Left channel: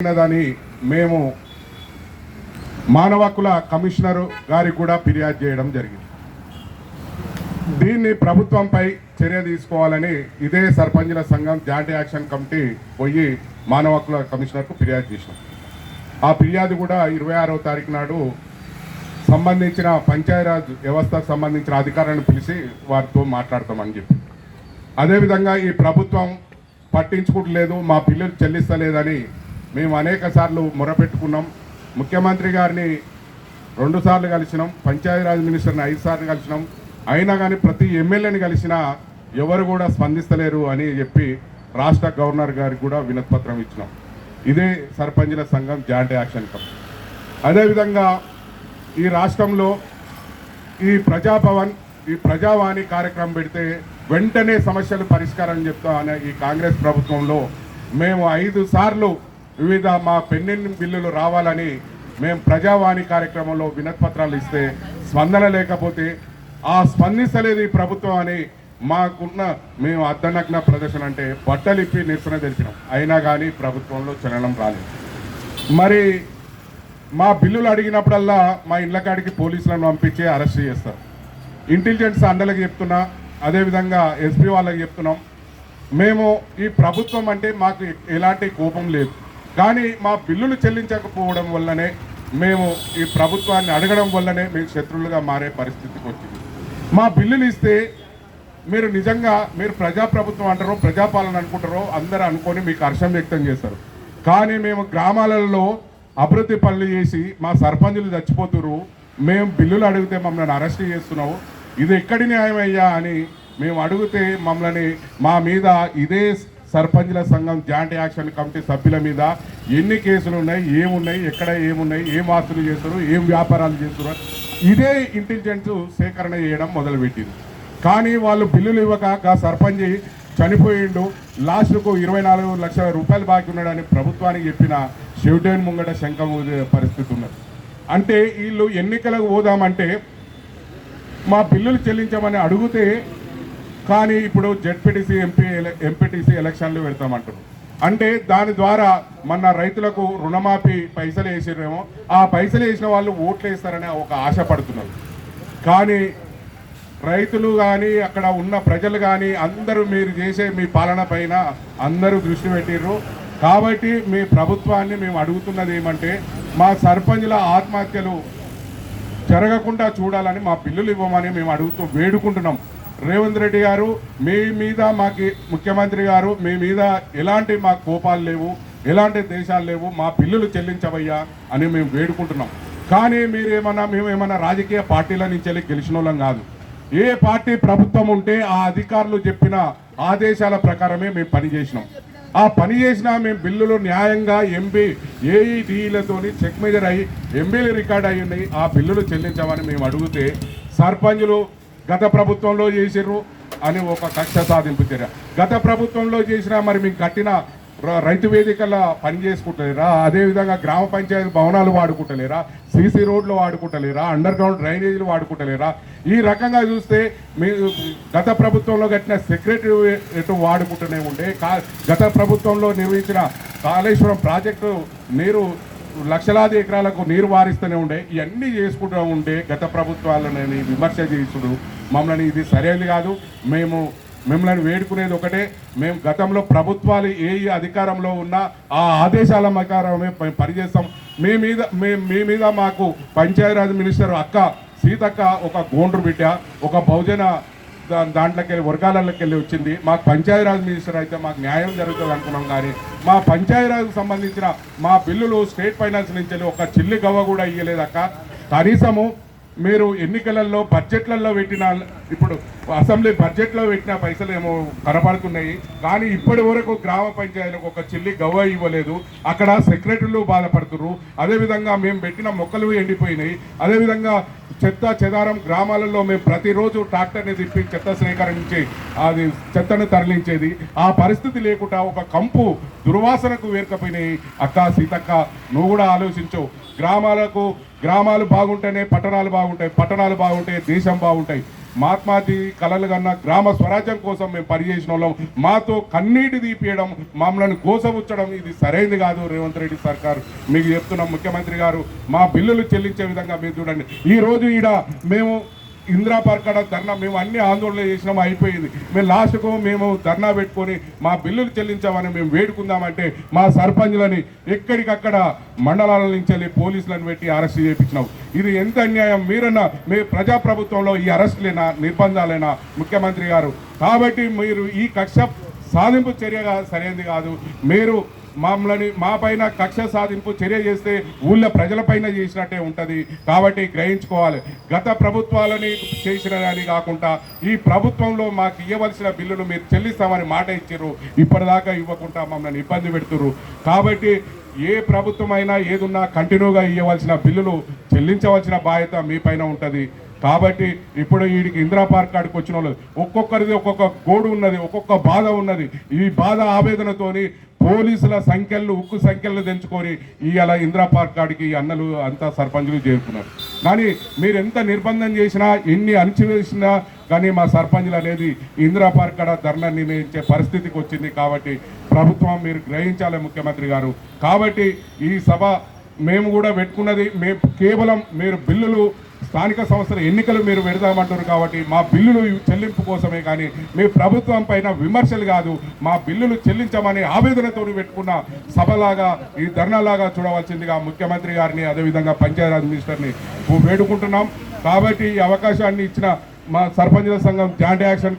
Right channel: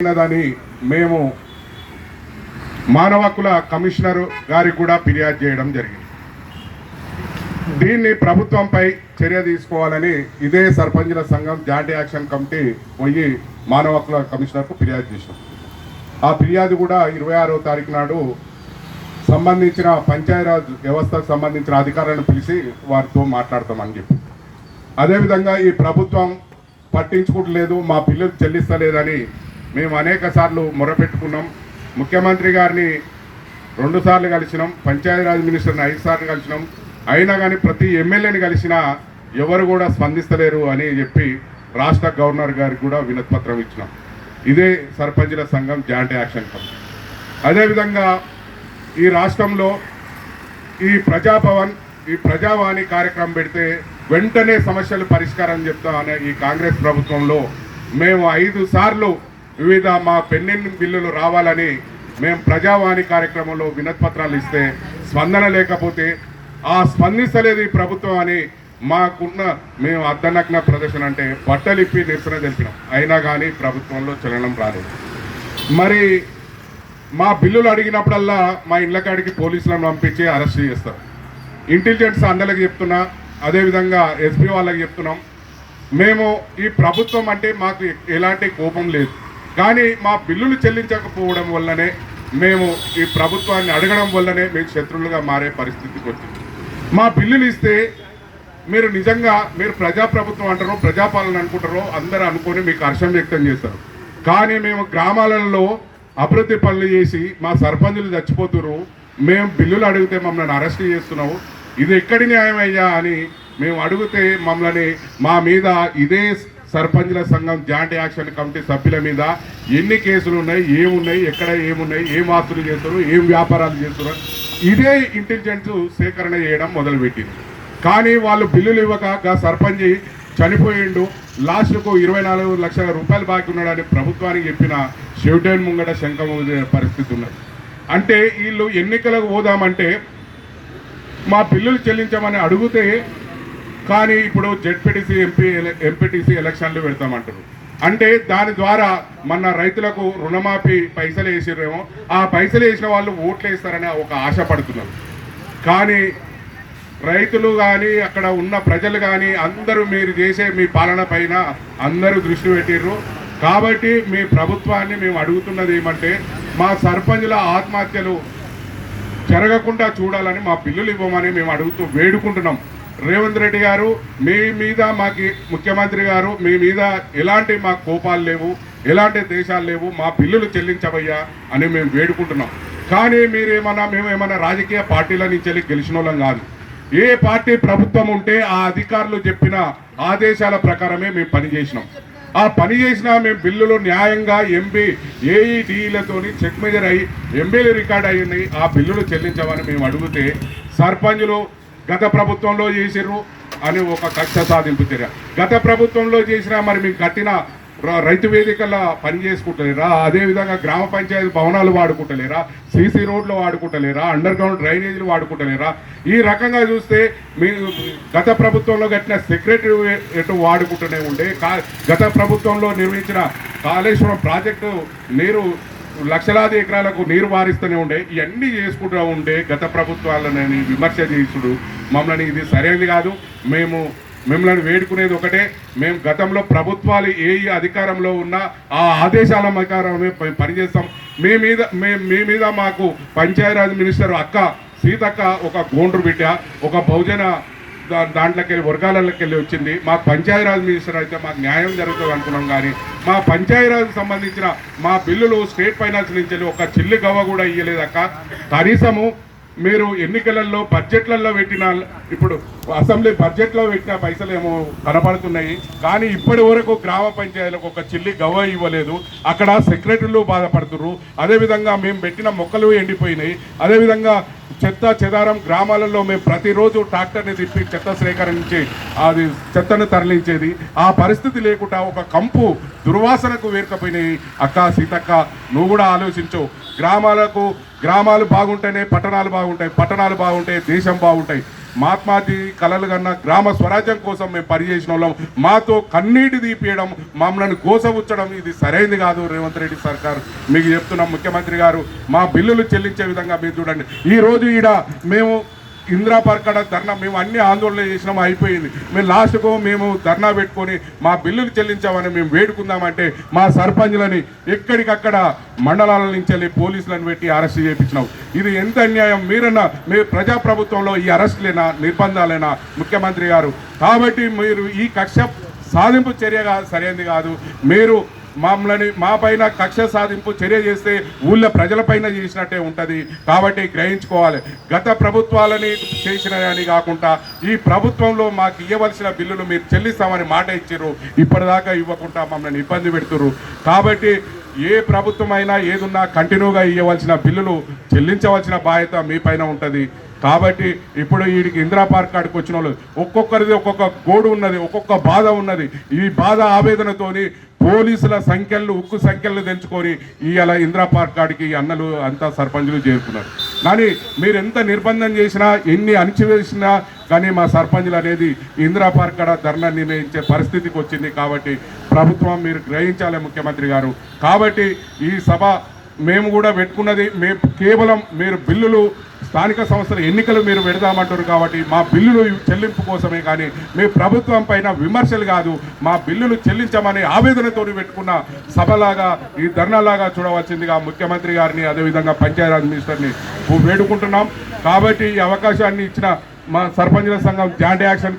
ఉన్నదని మేము మానవ హక్కుల కమిషనర్ గారికి కూడా ఫిర్యాదు చేయడం జరిగింది. దీన్ని ప్రభుత్వంపై చర్య తీసుకోవాలని ఇదే సర్పంచుల సంఘం జాయింట్ యాక్షన్ కమిటీ పోయి మానవ హక్కుల కమిషనర్కు ఫిర్యాదు చేశాం ఆ ఫిర్యాదు కూడా ఇరవై ఆరో తారీఖు నాడు సంబంధించిన పంచాయతీరాజ్ వ్యవస్థకు సంబంధించిన అధికారులను పిలిచి వారితో మాట్లాడతామని చెప్పి అదేవిధంగా ఈ ప్రభుత్వం పట్టించుకుంటలేదు మా పిల్లలు చెల్లిస్తలేదని మేము అనేక సార్లు మొరపెట్టుకున్నాం. ముఖ్యమంత్రి గారిని రెండు సార్లు కలిసినాం. పంచాయతీరాజ్ మినిస్టర్ని ఐదు సార్లు కలిసినాం. అయినా కానీ ప్రతి ఎమ్మెల్యేని కలిసినా ఎవరు కూడా స్పందిస్తలేరు అని చెప్పి రాష్ట్ర గవర్నర్ గారికి కూడా వినతిపత్రం ఇచ్చినాం. ఇదే సర్పంచుల సంఘం జాయింట్ యాక్షన్ కమిటీ. అదేవిధంగా ఈ రాష్ట్రంలో ఈ ప్రజాభవన్ ఈ ప్రజావాణి కార్యక్రమం పెడితే వెంటనే సమస్యలు పరిష్కారం చెప్తా అనే ఈ కాంగ్రెస్ ప్రభుత్వంలో మేము ఐదు సార్లు వివిధ మా పెండింగ్ బిల్లులు రావాలని మేము ప్రజావాణి కార్యక్రమంలో వినతిపత్రాలు ఇస్తే స్పందన లేకపోతే ఆ స్పందించలేదు ఈ ప్రభుత్వం అని మాకున్న మేము అర్ధనగ్న ప్రదర్శన అంటే బట్టలిప్పి నిరసన తెలిపినాం. అయినా కానీ ప్రభుత్వంలో చలనం రాలేదు. మరి మా బిల్లులు అడిగినప్పుడల్లా మా ఇళ్ళకాడికి పోలీసులను పంపించి అరెస్ట్ చేస్తారు ఇంటెలిజెన్స్ అందరికి చెప్తున్నా అదేవిధంగా ఎస్పీ వాళ్ళకి చెప్తున్నాం. మేము ఈ ప్రభుత్వం అంటే మాకు ఎలాంటి కోపం లేదు. కానీ మా బిల్లులు చెల్లించకపోవడం వల్లనే మేము ఈ ప్రభుత్వాన్ని అడగడం వల్లనే మేము శత్రువులుగా మారే పరిస్థితికి వచ్చింది. మా బిల్లులు ఇస్తే మీరు నిజంగా మీరు ప్రజాప్రభుత్వం అంటారో ప్రజాపాలన అనుకుంటారో అందరూ అనుకొని మీకు హర్షం వ్యక్తం చేస్తారు కానీ మేము గ్రామాలలో అభివృద్ధి పనులు చేసి మా సర్పంచులు చచ్చిపోతున్నారు మేము బిల్లులు అడిగితే మమ్మల్ని అరెస్ట్ చేస్తున్నావు. ఇది ఎక్కడి న్యాయం అయ్యా అని మేము అడిగితే మమ్మల్ని మా మీద ఇదే సర్పంచుల సంఘం జాయింట్ యాక్షన్ కమిటీ సభ్యుల మీద ఎన్ని కేసులు ఉన్నాయి ఏమున్నాయి ఎక్కడ ఏమున్నాయి ఏం ఆస్తులు చేస్తున్నారు ఏం వ్యాపారాలు చేస్తున్నారు ఇదే ఇంటెలిజెన్స్ సేకరణ చేయడం మొదలుపెట్టింది. కానీ వాళ్ళు బిల్లులు ఇవ్వక సర్పంచ్ చనిపోయిండు లాస్ట్కు ఇరవై నాలుగు లక్షల రూపాయలు బాకీ ఉన్నాడని ప్రభుత్వానికి చెప్పిన షెడ్యూల్ ముంగట శంఖం పరిస్థితి ఉన్నది. అంటే వీళ్ళు ఎన్నికలకు పోదామంటే మా బిల్లులు చెల్లించమని అడిగితే కానీ ఇప్పుడు జెడ్పీటీసీ ఎంపీ ఎంపీటీసీ ఎలక్షన్లు పెడతామంటారు అంటే దాని ద్వారా మన రైతులకు రుణమాఫీ పైసలు వేసిరేమో ఆ పైసలు వేసిన వాళ్ళు ఓట్లు వేస్తారని ఒక ఆశ పడుతున్నారు. కానీ రైతులు కానీ అక్కడ ఉన్న ప్రజలు కానీ అందరూ మీరు చేసే మీ పాలన పైన అందరూ దృష్టి పెట్టిర్రు. కాబట్టి మీ ప్రభుత్వాన్ని మేము అడుగుతున్నది ఏమంటే మా సర్పంచుల ఆత్మహత్యలు జరగకుండా చూడాలని మా పిల్లలు ఇవ్వమని మేము అడుగుతూ వేడుకుంటున్నాం. రేవంత్ రెడ్డి గారు మీ మీద మాకి ముఖ్యమంత్రి గారు మీ మీద ఎలాంటి మాకు కోపాలు లేవు ఎలాంటి దేశాలు లేవు మా బిల్లులు చెల్లించవయ్యా అని మేము వేడుకుంటున్నాం. కానీ మీరేమన్నా మేము ఏమన్నా రాజకీయ పార్టీల నుంచి వెళ్ళి గెలిచిన వాళ్ళం కాదు. ఏ పార్టీ ప్రభుత్వం ఉంటే ఆ అధికారులు చెప్పిన ఆదేశాల ప్రకారమే మేము పనిచేసినాం ఆ పని చేసినా మేము బిల్లులు న్యాయంగా ఎంపీ ఏఈడీలతోని చెక్ మీద అయ్యి ఎంబీలు రికార్డ్ అయ్యి ఆ బిల్లులు చెల్లించమని మేము అడిగితే సర్పంచులు గత ప్రభుత్వంలో చేసిర్రు అని ఒక కక్ష సాధింపు చర్య. గత ప్రభుత్వంలో చేసినా మరి మేము కట్టిన రైతు వేదికల్లో పని చేసుకుంటలేరా? అదేవిధంగా గ్రామ పంచాయతీ భవనాలు వాడుకుంటలేరా? సీసీ రోడ్లు వాడుకుంటలేరా? అండర్ గ్రౌండ్ డ్రైనేజీలు వాడుకుంటలేరా? ఈ రకంగా చూస్తే మీ గత ప్రభుత్వంలో కట్టిన సెక్రటరీ వాడుకుంటూనే ఉండే కా- గత ప్రభుత్వంలో నిర్మించిన కాళేశ్వరం ప్రాజెక్టు నీరు లక్షలాది ఎకరాలకు నీరు వారిస్తూనే ఉండే ఇవన్నీ చేసుకుంటూ ఉండే గత ప్రభుత్వాలని విమర్శ చేసుడు మమ్మల్ని ఇది సరైనది కాదు. మేము మిమ్మల్ని వేడుకునేది ఒకటే. మేము గతంలో ప్రభుత్వాలు ఏ అధికారంలో ఉన్నా ఆ ఆదేశాల అధికారమే మేము పనిచేస్తాం. మీ మీద మీ మీ మీద మాకు పంచాయరాజ్ మినిస్టర్ అక్క సీతక్క ఒక గోండ్రు బిడ్డ ఒక బహుజన దాంట్లోకి వర్గాలకి వర్గాలలోకి వెళ్ళి వచ్చింది. మా పంచాయరాజ్ మినిస్టర్ అయితే మాకు న్యాయం జరుగుతుంది అనుకున్నాం కానీ మా పంచాయరాజ్ సంబంధించిన మా బిల్లులు స్టేట్ ఫైనాన్స్ నుంచి ఒక చిల్లు గవ్వ కూడా ఇయ్యలేదక్క. కనీసము మీరు ఎన్నికలలో బడ్జెట్లలో పెట్టిన ఇప్పుడు అసెంబ్లీ బడ్జెట్లో పెట్టిన పైసలు ఏమో కనపడుతున్నాయి. కానీ ఇప్పటి వరకు గ్రామ పంచాయతీలకు ఒక చిల్లి గవ్వ ఇవ్వలేదు. అక్కడ సెక్రటరీలు బాధపడుతున్నారు అదేవిధంగా మేము పెట్టిన మొక్కలు ఎండిపోయినాయి. అదేవిధంగా చెత్త చెదారం గ్రామాలలో మేము ప్రతిరోజు ట్రాక్టర్ని తిప్పి చెత్త సేకరించి అది చెత్తను తరలించేది. ఆ పరిస్థితి లేకుండా ఒక కంపు దుర్వాసనకు వేరుకపోయినాయి. అక్క సీతక్క నువ్వు కూడా ఆలోచించు. గ్రామాలకు గ్రామాలు బాగుంటేనే పట్టణాలు బాగుంటాయి పట్టణాలు బాగుంటే దేశం బాగుంటాయి. మహాత్మాజీ కలలు కన్నా గ్రామ స్వరాజ్యం కోసం మేము పనిచేసిన వాళ్ళం. మాతో కన్నీటి తీపియడం మమ్మల్ని కోసవుచ్చడం ఇది సరైనది కాదు రేవంత్ రెడ్డి సర్కారు. మీకు చెప్తున్నాం ముఖ్యమంత్రి గారు మా బిల్లులు చెల్లించే విధంగా మీరు చూడండి. ఈ రోజు ఈడ మేము ఇందిరా పార్క్ ధర్నా మేము అన్ని ఆందోళన చేసినాం అయిపోయింది. మేము లాస్ట్కు మేము ధర్నా పెట్టుకొని మా బిల్లులు చెల్లించామని మేము వేడుకుందామంటే మా సర్పంచ్లని ఎక్కడికక్కడ మండలాల నుంచి వెళ్ళి పోలీసులను పెట్టి అరెస్ట్ చేయించినాం. ఇది ఎంత అన్యాయం? మీరన్నా మీ ప్రజాప్రభుత్వంలో ఈ అరెస్టులైనా? నిర్బంధాలైనా? ముఖ్యమంత్రి గారు? కాబట్టి మీరు ఈ కక్ష సాధింపు చర్యగా సరైనది కాదు. మీరు మమ్మల్ని మా పైన కక్ష సాధింపు చర్య చేస్తే ఊళ్ళో ప్రజలపైన చేసినట్టే ఉంటుంది. కాబట్టి గ్రహించుకోవాలి. గత ప్రభుత్వాలని చేసిన అని కాకుండా ఈ ప్రభుత్వంలో మాకు ఇవ్వవలసిన బిల్లులు మీరు చెల్లిస్తామని మాట ఇచ్చారు. ఇప్పటిదాకా ఇవ్వకుండా మమ్మల్ని ఇబ్బంది పెడుతున్నారు కాబట్టి ఏ ప్రభుత్వం అయినా ఏదున్నా కంటిన్యూగా ఇవ్వవలసిన బిల్లులు చెల్లించవలసిన బాధ్యత మీ పైన ఉంటుంది. కాబట్టి ఇప్పుడు వీడికి ఇందిరా పార్క్ కాడికి వచ్చిన వాళ్ళు ఒక్కొక్కరిది ఒక్కొక్క గోడు ఉన్నది ఒక్కొక్క బాధ ఉన్నది. ఈ బాధ ఆవేదనతోని పోలీసుల సంఖ్యలు ఉక్కు సంఖ్యలు తెంచుకొని ఇవాళ ఇందిరా పార్క్ కాడికి ఈ అన్నలు అంతా సర్పంచులు చేరుకున్నారు. కానీ మీరు ఎంత నిర్బంధం చేసినా ఎన్ని అణిచివేసినా కానీ మా సర్పంచులు అనేది ఇందిరా పార్క్ కాడ ధర్నా నిర్ణయించే పరిస్థితికి వచ్చింది కాబట్టి ప్రభుత్వం మీరు గ్రహించాలి ముఖ్యమంత్రి గారు. కాబట్టి ఈ సభ మేము కూడా పెట్టుకున్నది మేము కేవలం మీరు బిల్లులు స్థానిక సంస్థల ఎన్నికలు మీరు పెడదామంటారు కాబట్టి మా బిల్లులు చెల్లింపు కోసమే కానీ మీ ప్రభుత్వం పైన విమర్శలు కాదు మా బిల్లులు చెల్లించమని ఆవేదనతో పెట్టుకున్న సభలాగా ఈ ధర్నాలాగా చూడవలసిందిగా ముఖ్యమంత్రి గారిని అదేవిధంగా పంచాయరాజ్ మినిస్టర్ని వేడుకుంటున్నాం. కాబట్టి ఈ అవకాశాన్ని ఇచ్చిన మా సర్పంచుల సంఘం జాయింట్ యాక్షన్